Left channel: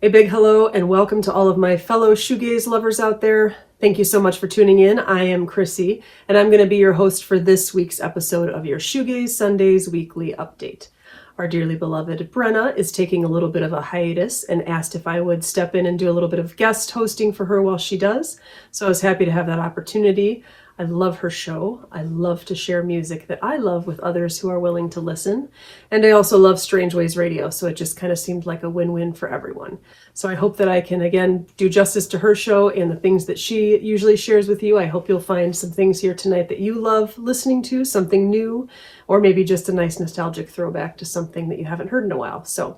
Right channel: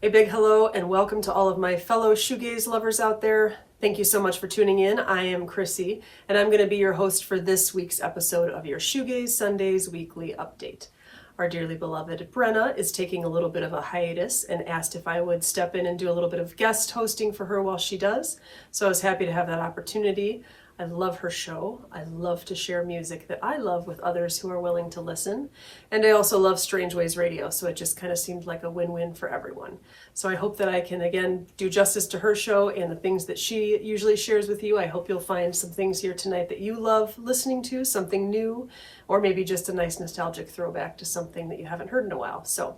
A big hello and welcome to all of my fellow shoegaze lovers out there. Thank you so much for tuning in. I am Krissy, and I'm going to be your host for this week's episode of your Shoegaze Sundays Weekly update. Our dearly beloved Brenna is taking a little bit of a hiatus and asked if I would step in and do a little bit of guest hosting for her while she does. So I was happy to have that opportunity. I love her show. I love to share music that I love with others who are willing to listen. And I also love Strange Ways Radio, so it just kind of seemed like a win-win for everyone. So I hope that I can, again, do justice to her show and the things that she usually shares with you. I hope you'll find some things here tonight that you love listening to, something new, or maybe just a nice nostalgic throwback to something that you haven't heard in a while. So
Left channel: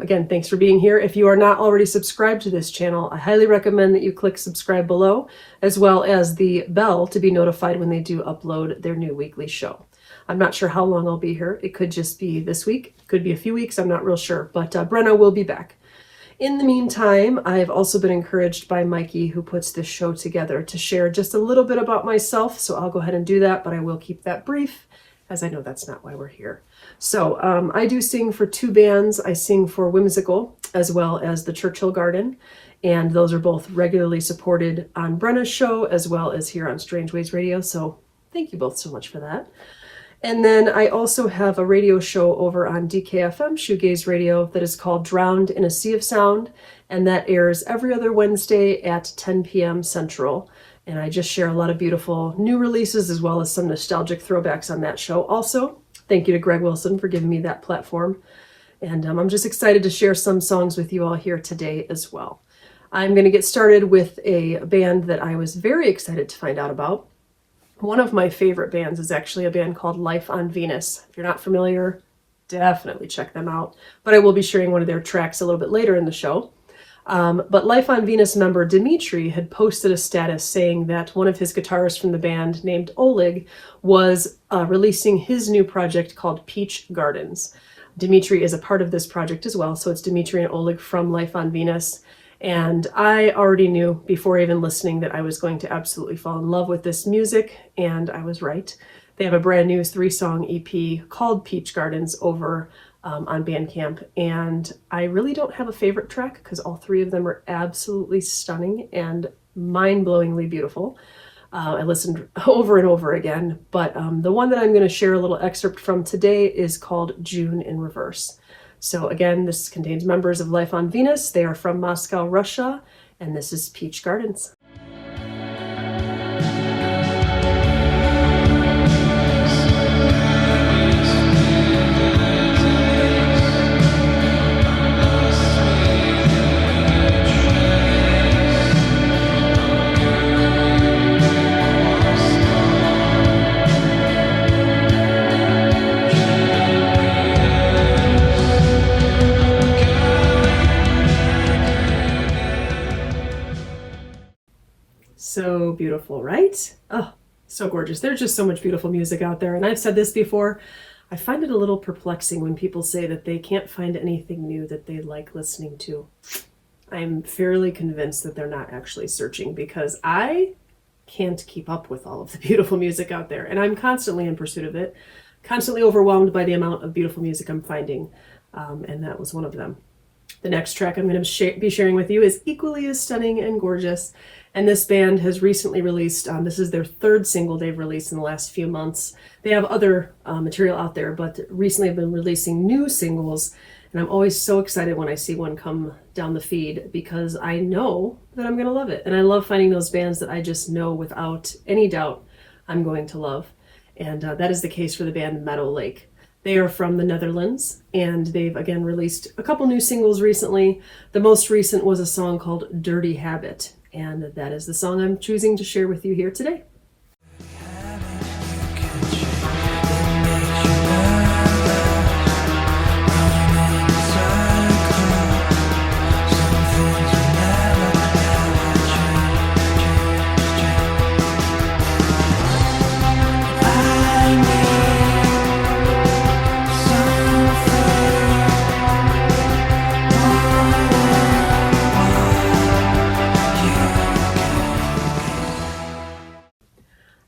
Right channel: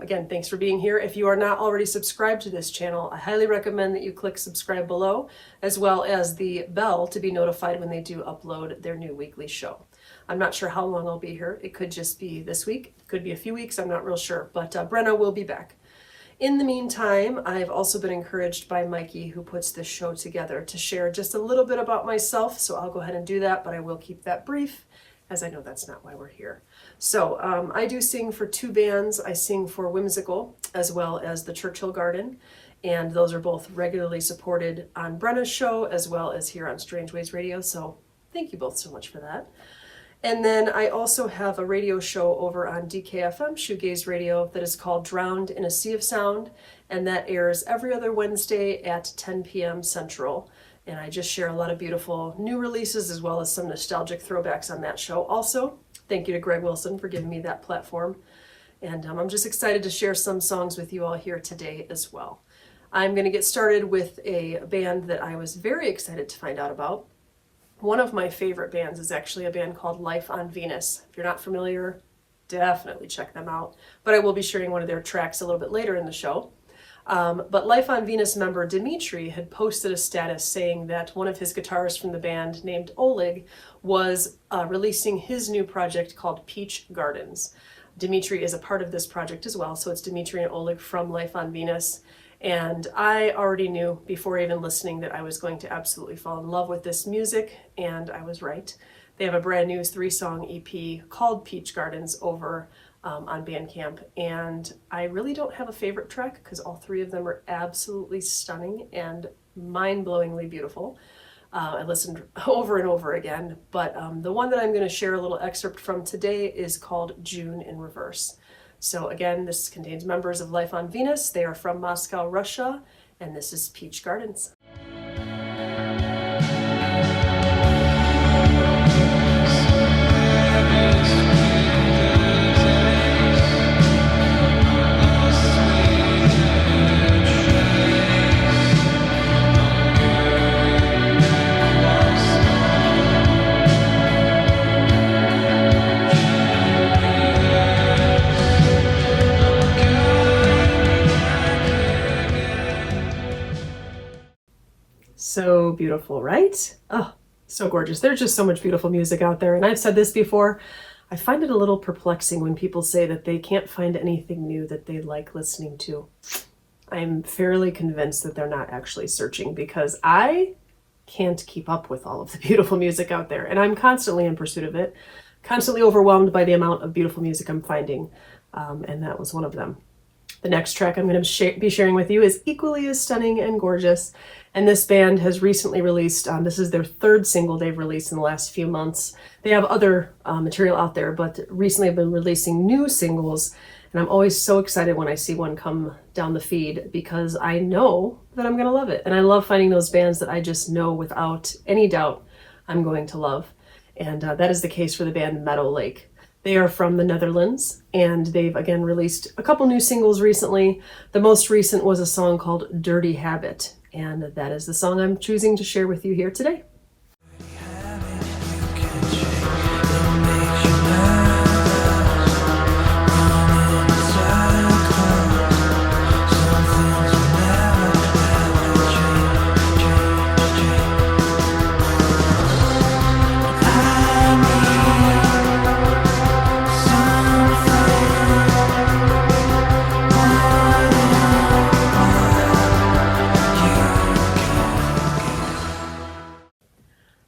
again, thanks for being here. If you are not already subscribed to this channel, I highly recommend that you click subscribe below, as well as the bell to be notified when they do upload their new weekly show. I'm not sure how long I'll be here. It could just be this week. It could be a few weeks. I'm not real sure, but Brenna will be back. In the meantime, I've also been encouraged by Mikey, who puts this show together, to share just a little bit about myself. So I'll go ahead and do that, but I will keep that brief, as I know that's not why we're here. So I do sing for two bands. I sing for Whimsical as well as the Churchhill Garden, and those are both regularly supported on Brenna's show as well as here on Strange Ways Radio. So thank you both so much for that. And then I also have a radio show over on DKFM, Shoegaze Radio, that is called Drowned in a Sea of Sound, and that airs every other Wednesday at 10 p.m. Central. And I just share a lot of beautiful new releases as well as some nostalgic throwbacks on that show also. Thank you to Greg Wilson for giving me that platform. And I'm just excited to share some songs with you all here today as well. I'm going to get started with a band that I was very excited to find out about. One of my favorite bands is actually a band called Life on Venus. If you're not familiar, definitely check them out. But I will be sharing one of their tracks a little bit later in the show. But Life on Venus member Dimitri had posted a status saying that one of his guitarists from the band named Oleg was releasing his new project called Peach Gardens. Dimitri is a part of this project as well, so it's Dimitri and Oleg from Life on Venus. And I already knew before even listening that I was going to absolutely fall in love with this music, and I was right. They have a brand new 3-song EP called Peach Gardens over on Bandcamp, and I really don't have a favorite track because all three of them are absolutely stunning and mind-blowingly beautiful. I listened over and over again, but the one that I'm going to share a little excerpt from today is called June in Reverse. So again, this contains members of Life on Venus. They are from Moscow, Russia, and this is Peach Gardens. So beautiful, right? Oh, so gorgeous. There's just so much beautiful music out there. And I've said this before, I find it a little perplexing when people say that they can't find anything new that they like listening to. I'm fairly convinced that they're not actually searching, because I can't keep up with all of the beautiful music out there. And I'm constantly in pursuit of it, constantly overwhelmed by the amount of beautiful music I'm finding. And that was one of them. The next track I'm going to be sharing with you is equally as stunning and gorgeous. And this band has recently released, this is their third single they've released in the last few months. They have other material out there, but recently have been releasing new singles. And I'm always so excited when I see one come down the feed, because I know that I'm going to love it. And I love finding those bands that I just know without any doubt I'm going to love. And that is the case for the band Meadowlake. They are from the Netherlands, and they've again released a couple new singles recently. The most recent was a song called Dirty Habit, and that is the song I'm choosing to share with you here today.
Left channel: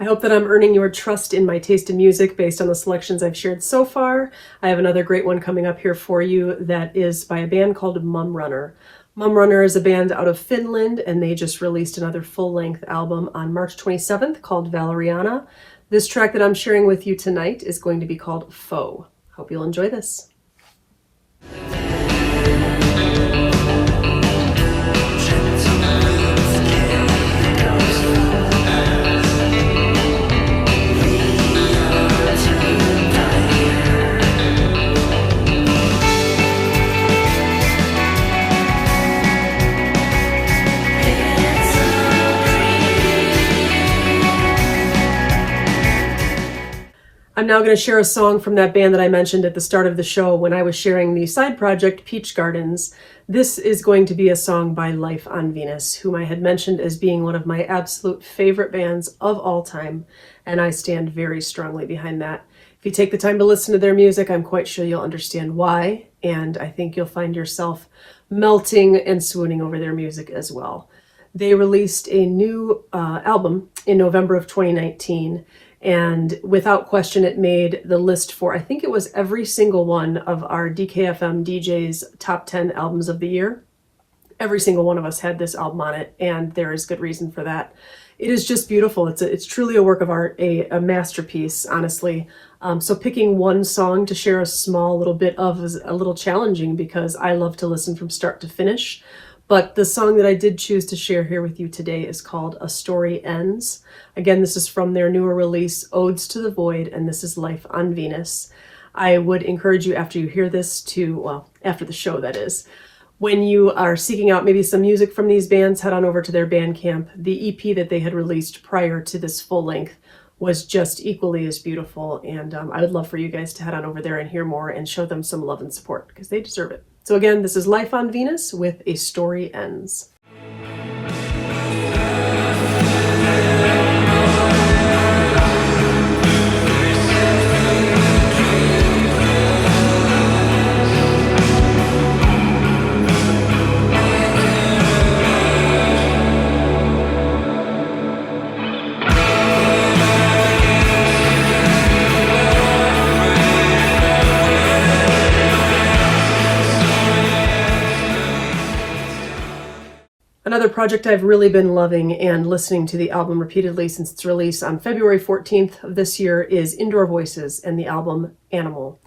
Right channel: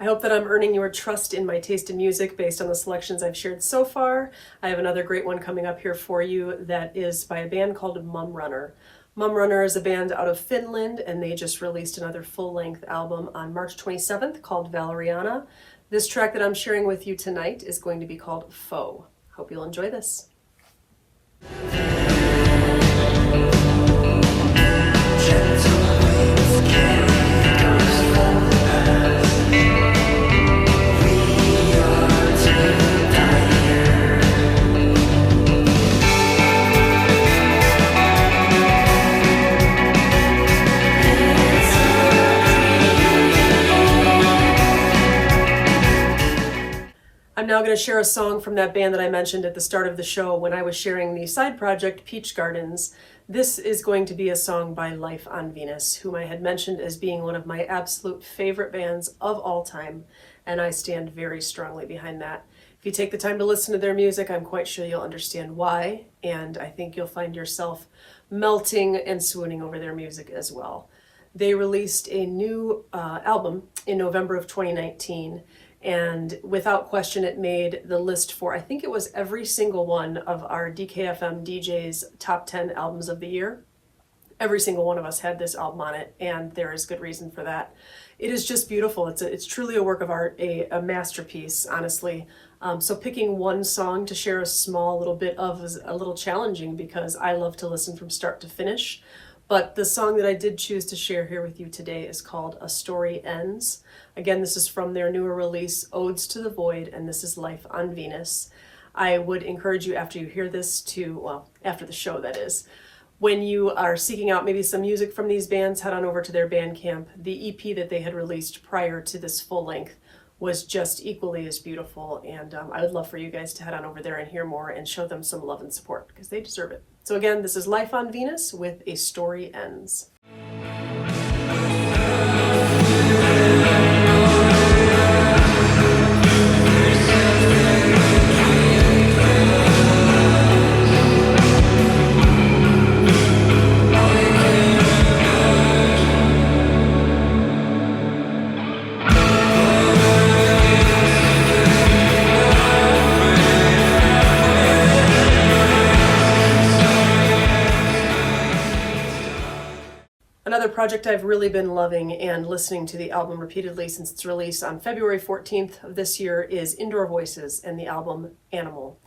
I hope that I'm earning your trust in my taste in music based on the selections I've shared so far. I have another great one coming up here for you that is by a band called Mumrunner. Mumrunner is a band out of Finland, and they just released another full-length album on March 27th called Valeriana. This track that I'm sharing with you tonight is going to be called Foe. Hope you'll enjoy this. I'm now going to share a song from that band that I mentioned at the start of the show when I was sharing the side project Peach Gardens. This is going to be a song by Life on Venus, whom I had mentioned as being one of my absolute favorite bands of all time, and I stand very strongly behind that. If you take the time to listen to their music, I'm quite sure you'll understand why, and I think you'll find yourself melting and swooning over their music as well. They released a new album in November of 2019, and without question, it made the list for, I think it was every single one of our DKFM DJ's top 10 albums of the year. Every single one of us had this album on it, and there is good reason for that. It is just beautiful. It's truly a work of art, a masterpiece, honestly. So picking one song to share a small little bit of is a little challenging because I love to listen from start to finish. But the song that I did choose to share here with you today is called A Story Ends. Again, this is from their newer release, Odes to the Void, and this is Life on Venus. I would encourage you after you hear this to, well, after the show that is, when you are seeking out maybe some music from these bands, head on over to their Bandcamp. The EP that they had released prior to this full length was just equally as beautiful, and I would love for you guys to head on over there and hear more and show them some love and support because they deserve it. So again, this is Life on Venus with A Story Ends. Another project I've really been loving and listening to the album repeatedly since its release on February 14th of this year is Indoor Voices and the album Animal.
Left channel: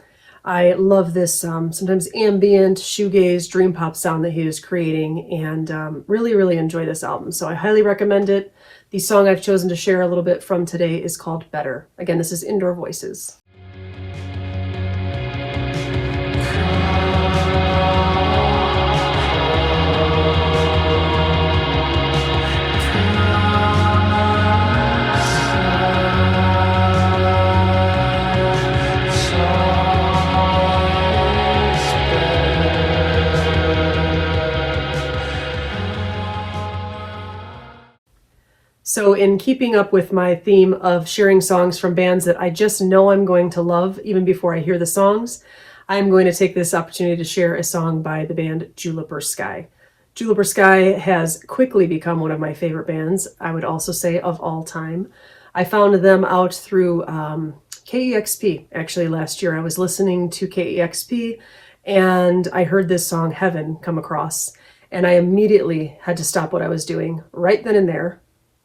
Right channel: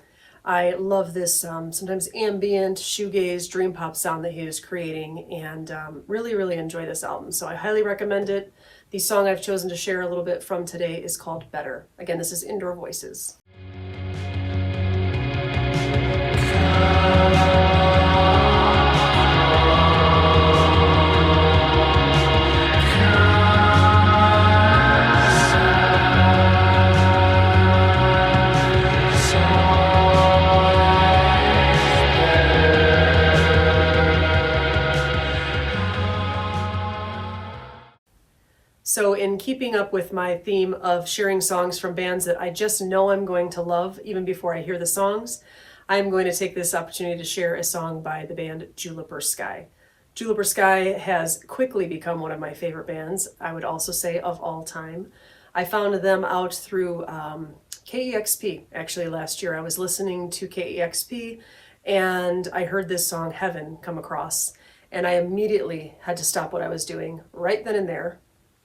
I love this sometimes ambient, shoegaze, dream pop sound that he is creating, and really enjoy this album. So I highly recommend it. The song I've chosen to share a little bit from today is called Better. Again, this is Indoor Voices. So in keeping up with my theme of sharing songs from bands that I just know I'm going to love even before I hear the songs, I'm going to take this opportunity to share a song by the band Juliper Sky. Juliper Sky has quickly become one of my favorite bands, I would also say of all time. I found them out through KEXP actually last year. I was listening to KEXP and I heard this song Heaven come across, and I immediately had to stop what I was doing right then and there.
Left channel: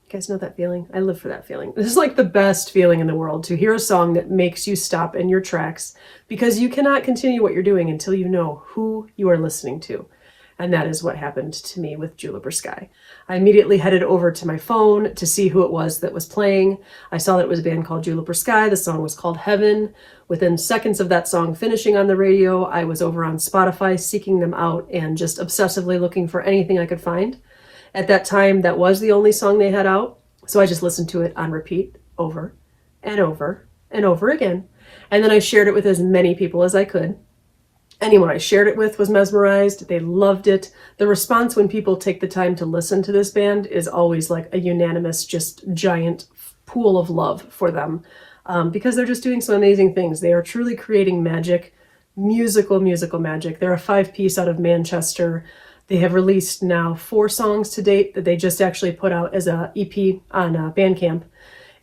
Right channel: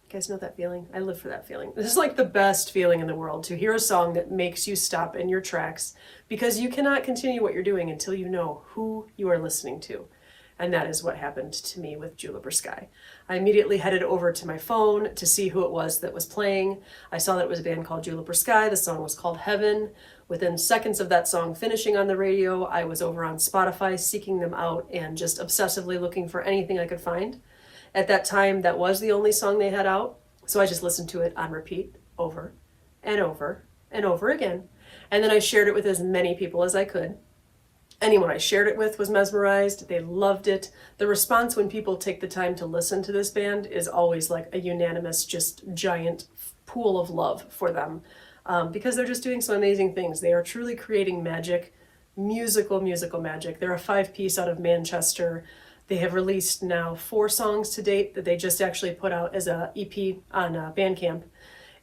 You guys know that feeling? I live for that feeling. This is like the best feeling in the world, to hear a song that makes you stop in your tracks because you cannot continue what you're doing until you know who you are listening to. And that is what happened to me with Juliper Sky. I immediately headed over to my phone to see who it was that was playing. I saw that it was a band called Juliper Sky. The song was called Heaven. Within seconds of that song finishing on the radio, I was over on Spotify seeking them out and just obsessively looking for anything I could find. At that time, that was the only song they had out, so I just listened to it on repeat over and over and over again. And then I shared it with as many people as I could. Anyone I shared it with was mesmerized. They loved it. The response when people take the time to listen to this band is always like a unanimous, just giant pool of love for them because they're just doing some amazing things. They are truly creating magic, musical magic. They're a 5-piece out of Manchester. They have released now 4 songs to date that they just actually put out as a EP on Bandcamp.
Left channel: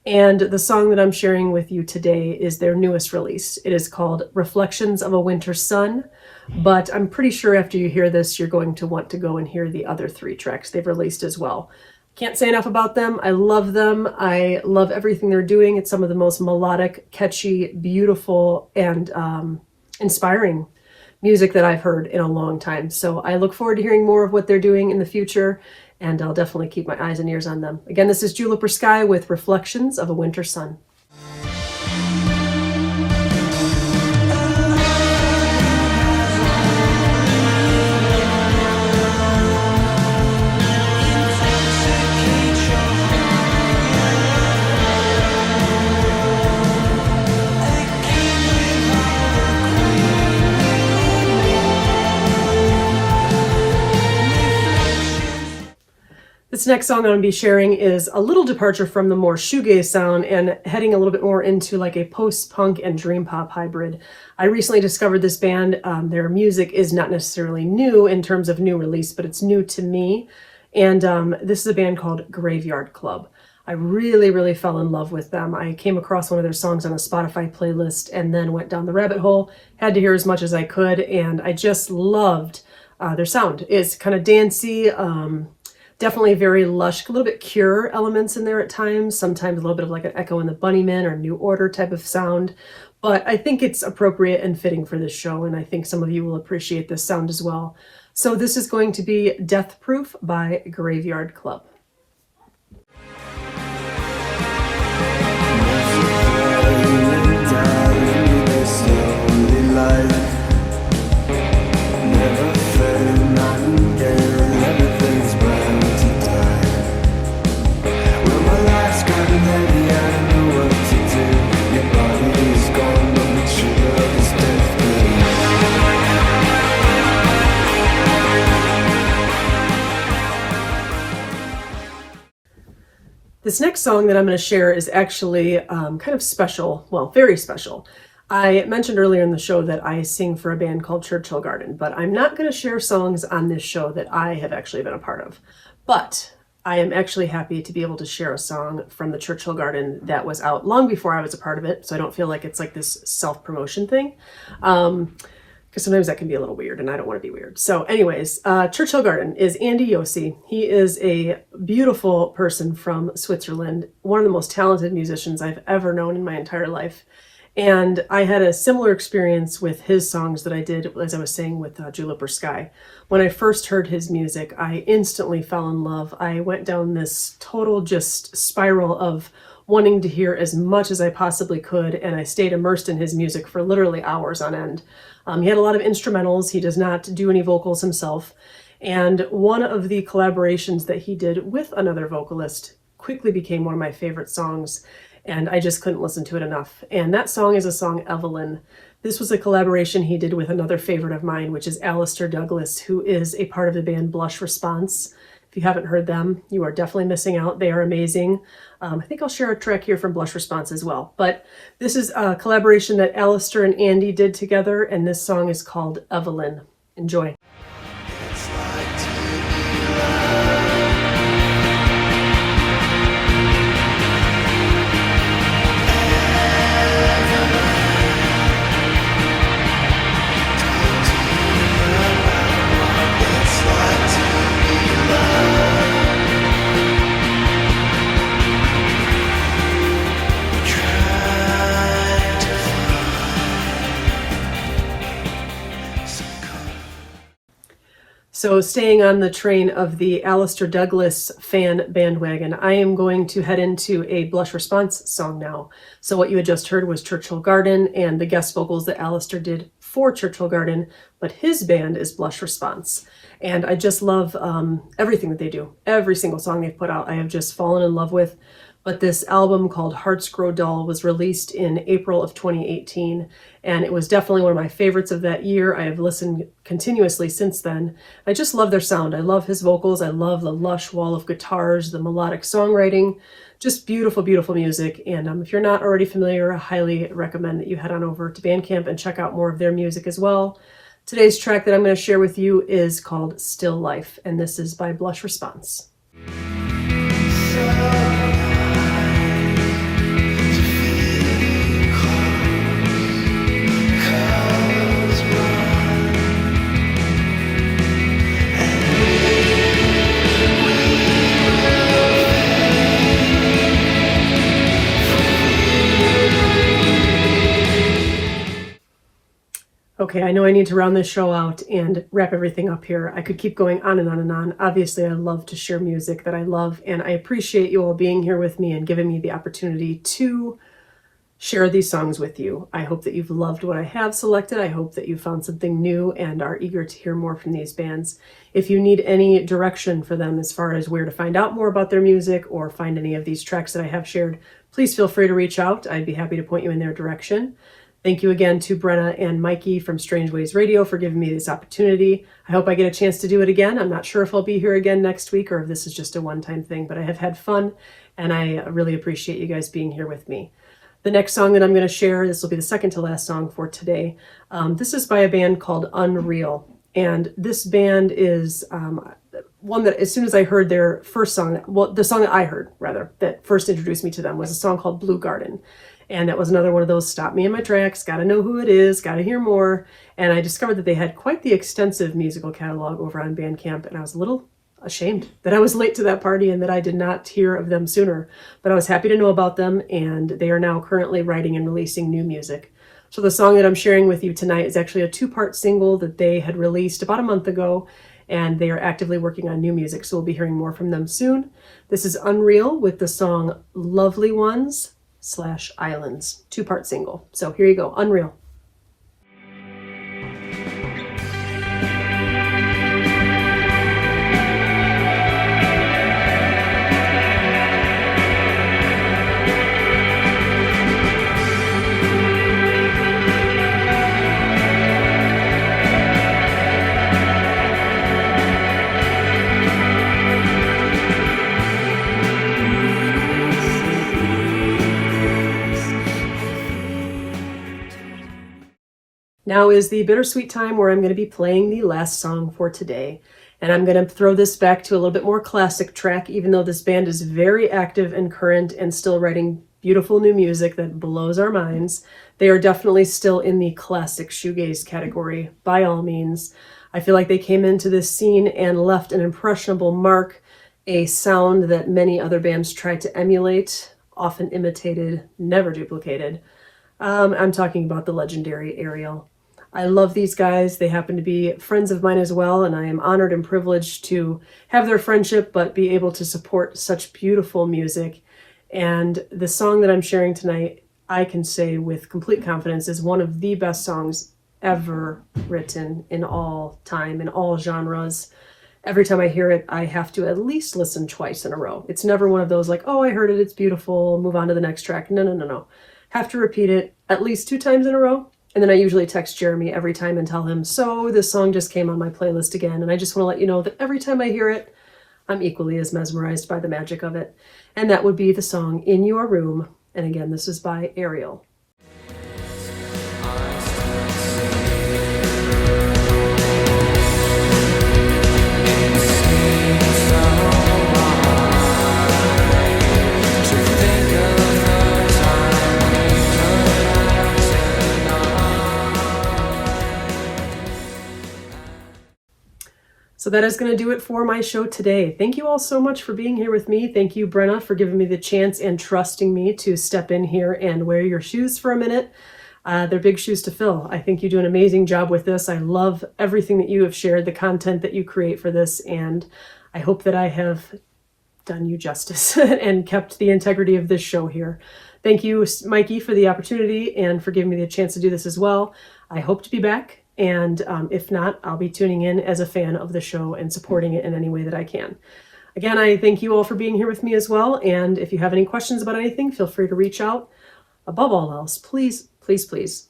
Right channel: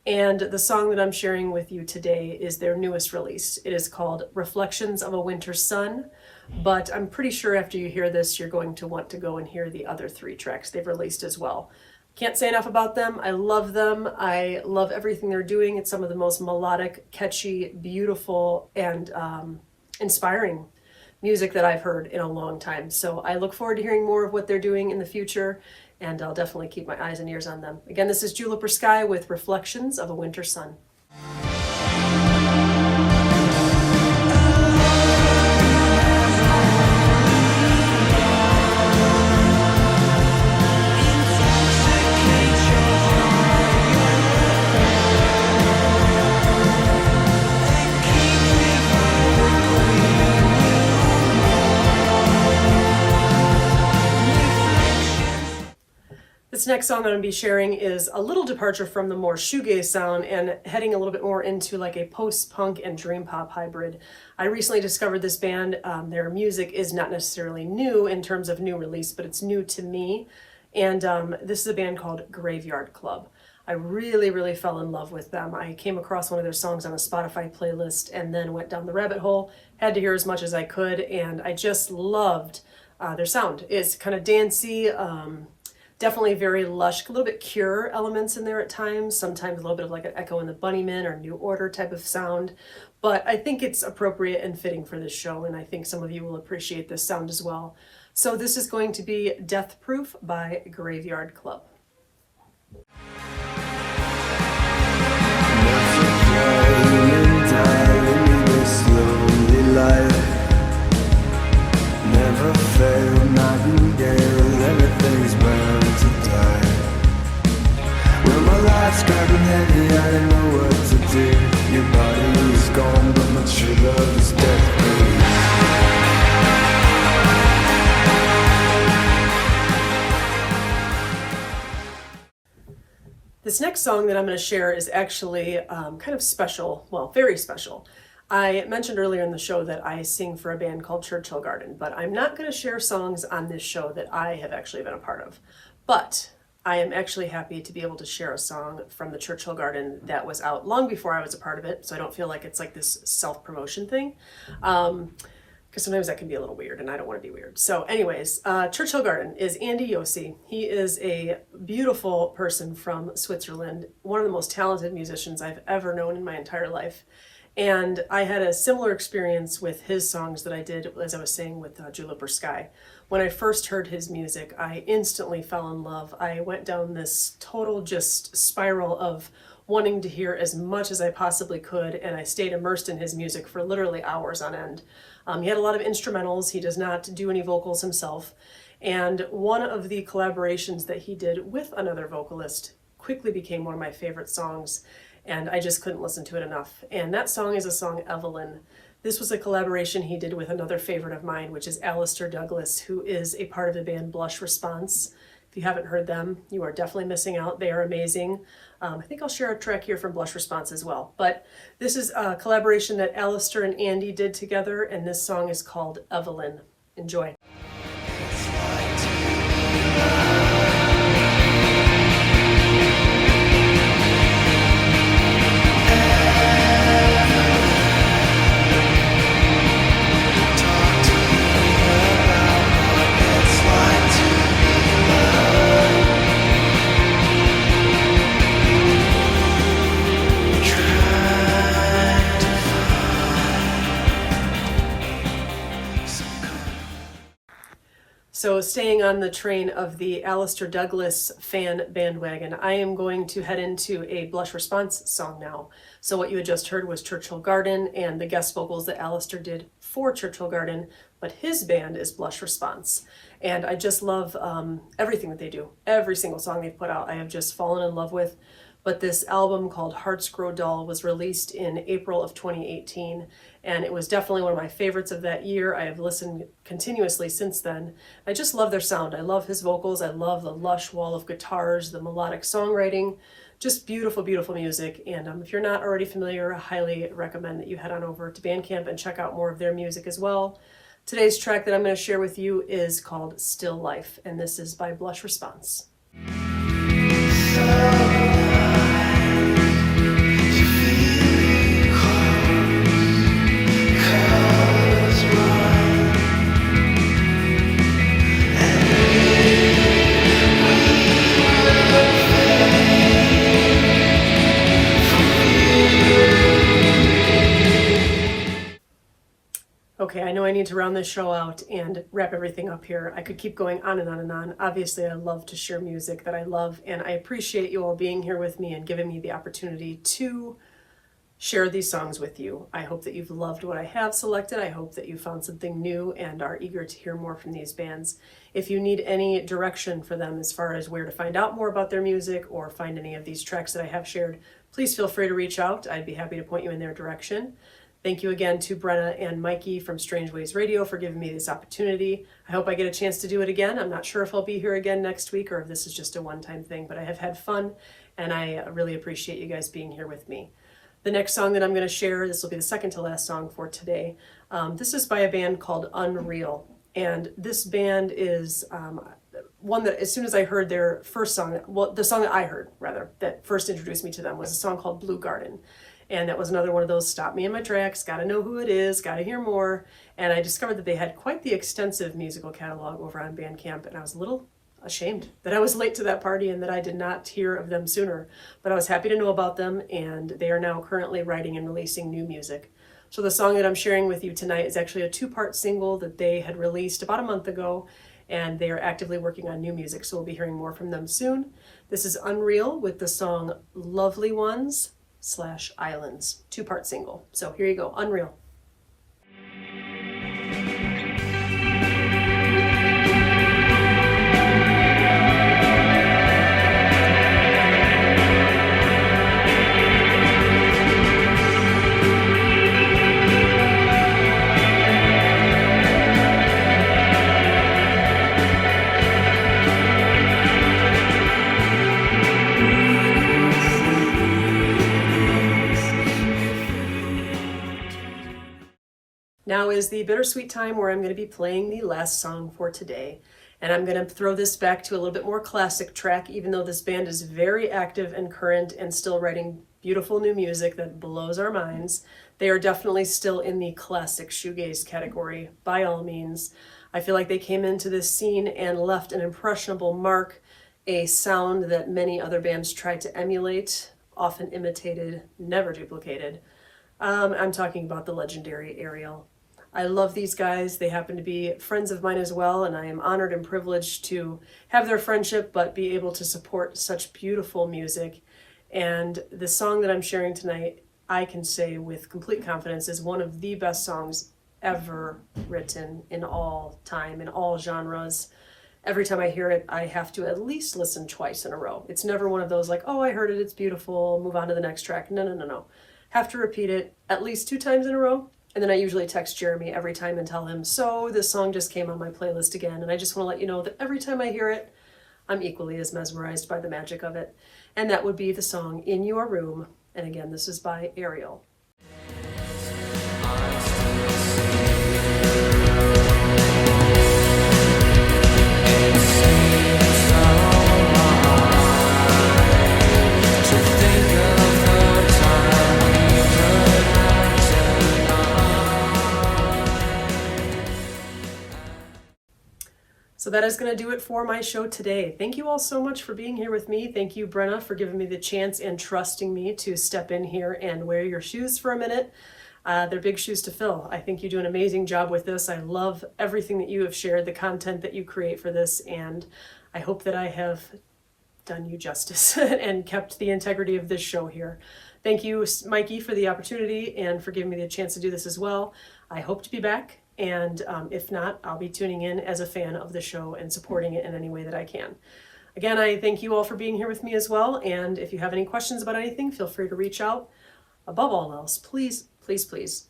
And the song that I'm sharing with you today is their newest release. It is called Reflections of a Winter Sun, but I'm pretty sure after you hear this, you're going to want to go and hear the other 3 tracks they've released as well. Can't say enough about them. I love them. I love everything they're doing. It's some of the most melodic, catchy, beautiful, and inspiring music that I've heard in a long time. So I look forward to hearing more of what they're doing in the future, and I'll definitely keep my eyes and ears on them. Again, this is Juliper Sky with Reflections of a Winter Sun. This next song I'm going to be sharing is a little departure from the more shoegaze sound and heading a little bit more into like a post-punk and dream pop hybrid. I recently discovered this band. Their music is not necessarily new in terms of new release, but it's new to me. And this is a band called Graveyard Club. I really fell in love with them. I came across one of their songs on a Spotify playlist and then went down the rabbit hole, had to hear as much as I could, and I just loved their sound. It's kind of dancey, definitely very lush, a little bit Cure elements in there at times, sometimes a little bit of like an Echo and the Bunnymen or New Order type of sound. But I think it's appropriate and fitting for this show, and I think some of you will appreciate this sound as well. So this is going to be Death Proof by Graveyard Club. Never fail, nightingale, everything's bound to die. Well, my life's grabbing heavy, I don't know what to do. Your body is gone, but my true love is death proof. This next song that I'm going to share is actually kind of special, well, very special. I mentioned earlier in the show that I sing for a band called Churchhill Garden, but I'm not going to share songs on this show that I have actually been a part of. But I am actually happy to be able to share a song from the Churchhill Garden that was out long before I was a part of it, so I don't feel like it's like this self-promotion thing. Because sometimes that can be a little weird, and I don't want to be weird. So anyways, Churchhill Garden is Andy Yossi. He is a beautiful person from Switzerland, one of the most talented musicians I've ever known in my entire life. And I had a similar experience with his songs that I did, as I was saying, with Juliper Sky. When I first heard his music, I instantly fell in love. I went down this total just spiral of wanting to hear as much as I possibly could, and I stayed immersed in his music for literally hours on end. He had a lot of instrumentals. He does not do any vocals himself. And one of the collaborations that he did with another vocalist quickly became one of my favorite songs, and I just couldn't listen to it enough. And that song is a song, Evelyn. This was a collaboration he did with another favorite of mine, which is Alistair Douglas, who is a part of the band Blush Response. If you haven't heard them, you are definitely missing out. They are amazing. I think I'll share a track here from Blush Response as well. But this is a collaboration that Alistair and Andy did together, and this song is called Evelyn. Enjoy. It's like to be loved. So staying on the train of the Alistair Douglas fan bandwagon, I am going to head into a Blush Response song now. So what you had just heard was Churchhill Garden and the guest vocals that Alistair did for Churchhill Garden, but his band is Blush Response. And I just love everything that they do. Every single song they've put out, I have just fallen in love with. But this album called Hearts Grow Dull was released in April of 2018, and it was definitely one of my favorites of that year. I have listened continuously since then. I just love their sound. I love his vocals. I love the lush wall of guitars, the melodic songwriting, just beautiful, beautiful music. And if you're not already familiar, I highly recommend that you head on over to Bandcamp and check out more of their music as well. Today's track that I'm going to share with you is called Still Life, and this is by Blush Response. So Okay, I know I need to round this show out and wrap everything up here. I could keep going on and on and on. Obviously, I love to share music that I love, and I appreciate you all being here with me and giving me the opportunity to share these songs with you. I hope that you've loved what I have selected. I hope that you found something new and are eager to hear more from these bands. If you need any direction for them as far as where to find out more about their music or find any of these tracks that I have shared, please feel free to reach out. I'd be happy to point you in their direction. Thank you again to Brenna and Mikey from Strange Ways Radio for giving me this opportunity. I hope I get a chance to do it again. I'm not sure if I'll be here again next week or if this is just a one-time thing, but I have had fun and I really appreciate you guys being here with me. The next song that I'm going to share, this will be the second to last song for today. This is by a band called Un.Real. And this band is one that as soon as I heard their first song, well, the song that I heard rather, that first introduced me to them was a song called Blue Garden. And that was another one of those stop me in my tracks, gotta know who it is, gotta hear more. And I discovered that they had quite the extensive musical catalog over on Bandcamp, and I was a little ashamed that I was late to that party and that I did not hear of them sooner. But I was happy to know about them, and they are now currently writing and releasing new music. So the song that I'm sharing with you tonight is actually a two-part single that they had released about a month ago, and they are actively working on new music, so we'll be hearing more from them soon. This is Un.Real with the song Lovely Ones/Islands, two-part single. So here you go, Un.Real. Now is the bittersweet time where I'm going to be playing the last song for today. And I'm going to throw this back to a little bit more classic track, even though this band is very active and current and still writing beautiful new music that blows our minds. They are definitely still in the classic shoegaze category, by all means. I feel like they came into this scene and left an impressionable mark, a sound that many other bands tried to emulate, often imitated, never duplicated. I'm talking about the legendary Airiel. I love these guys. They happen to be friends of mine as well, and I am honored and privileged to have their friendship, but be able to support such beautiful music. And the song that I'm sharing tonight, I can say with complete confidence, is one of the best songs ever written in all time, in all genres. Every time I hear it, I have to at least listen twice in a row. It's never one of those like, oh, I heard it, it's beautiful, move on to the next track. No. Have to repeat it at least 2 times in a row. And then I usually text Jeremy every time and tell him, so this song just came on my playlist again. And I just want to let you know that every time I hear it, I'm equally as mesmerized by the magic of it. And that would be the song In Your Room. And again, this is by Airiel. So that is going to do it for my show today. Thank you all so much for being here with me. Thank you, Brenna, for giving me the chance and trusting me to step in here and wear your shoes for a minute. They're big shoes to fill. I think you do an amazing job with this. I love everything that you have shared, the content that you create for this, and I hope that I have done you justice and kept the integrity of this show here. Thank you, Mikey, for the opportunity and for giving me the chance to do this as well. I hope to be back. And if not, I'll be tuning in as a fan of the show and supporting it in any way that I can. Again, I thank you all for being here with me as well. And if you have any questions about anything, feel free to reach out. Above all else, please, please, please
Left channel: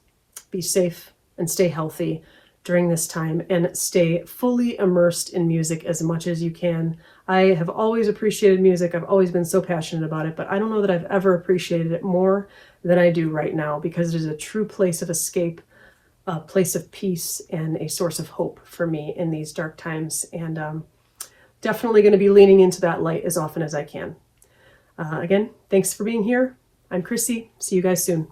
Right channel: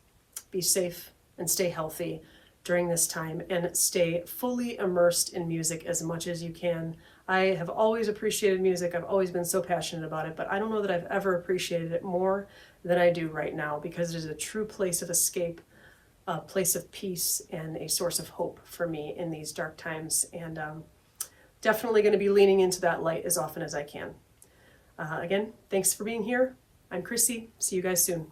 be safe and stay healthy during this time and stay fully immersed in music as much as you can. I have always appreciated music. I've always been so passionate about it, but I don't know that I've ever appreciated it more than I do right now because it is a true place of escape, a place of peace, and a source of hope for me in these dark times. And definitely going to be leaning into that light as often as I can. Again, thanks for being here. I'm Krissy. See you guys soon.